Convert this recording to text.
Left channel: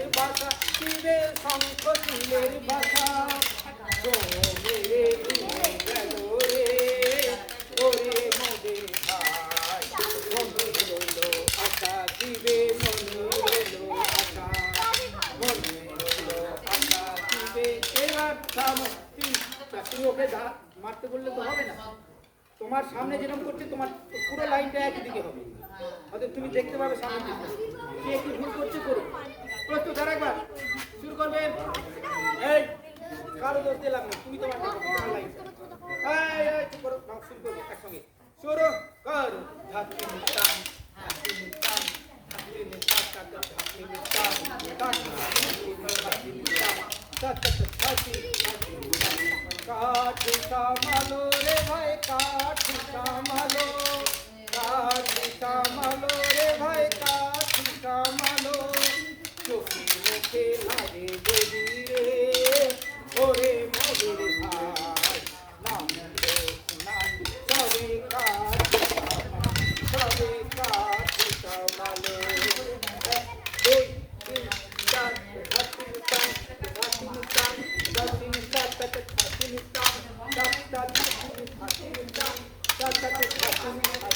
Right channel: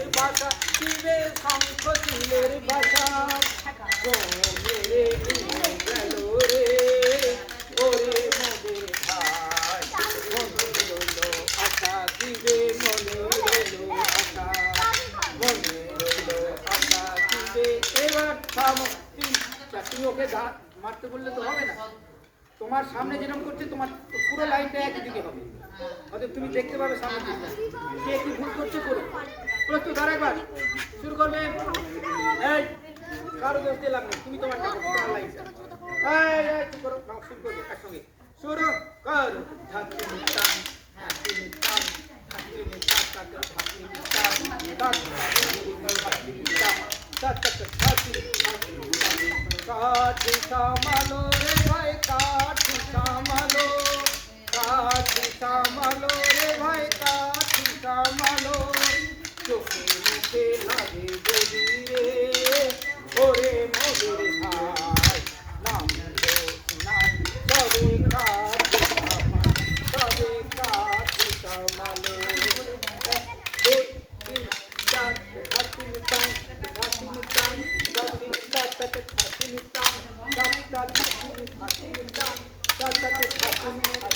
মনের ভাষা শিবে শঙ্খ শিবের ভাষা মেরে গেল রে ওরে মোদের ভাই মনে রইল আশা শিবে মনে রইল আশা মনে রইল আশা শিবে এবার থামো তুমি ওকে মারতে বললে তো হবে না তোমার সামনে যেরকম করছে তোমার পুরো লাইনটা একই দিকে হবে অতএব তুমি দেখতে পাবে সামনের দিকটা কে কি ভুল করছে করো প্রস্তুত আর একবার শুরু করবে এই কারো দোষ দিলাম না তুমি তোমারটা তোমার লাইনটা এই করো শুরু করবে একসঙ্গে শুরু কর ধাতি নিতাম ধাতি নিতাম ধাতি নিতাম ধাতি নিতাম ধাতি নিতাম কাঠি সামালো রে ভাই কাঠি সামালো রে ভাই কাঠি সামালো চোখে মুখে লাগে গদি রে ওরে মোদের ভাই নাম সবে কাঠি সামালো দুই তিন চার ধাতি নিতাম ধাতি নিতাম ধাতি নিতাম ধাতি নিতাম ধাতি নিতাম ধাতি নিতাম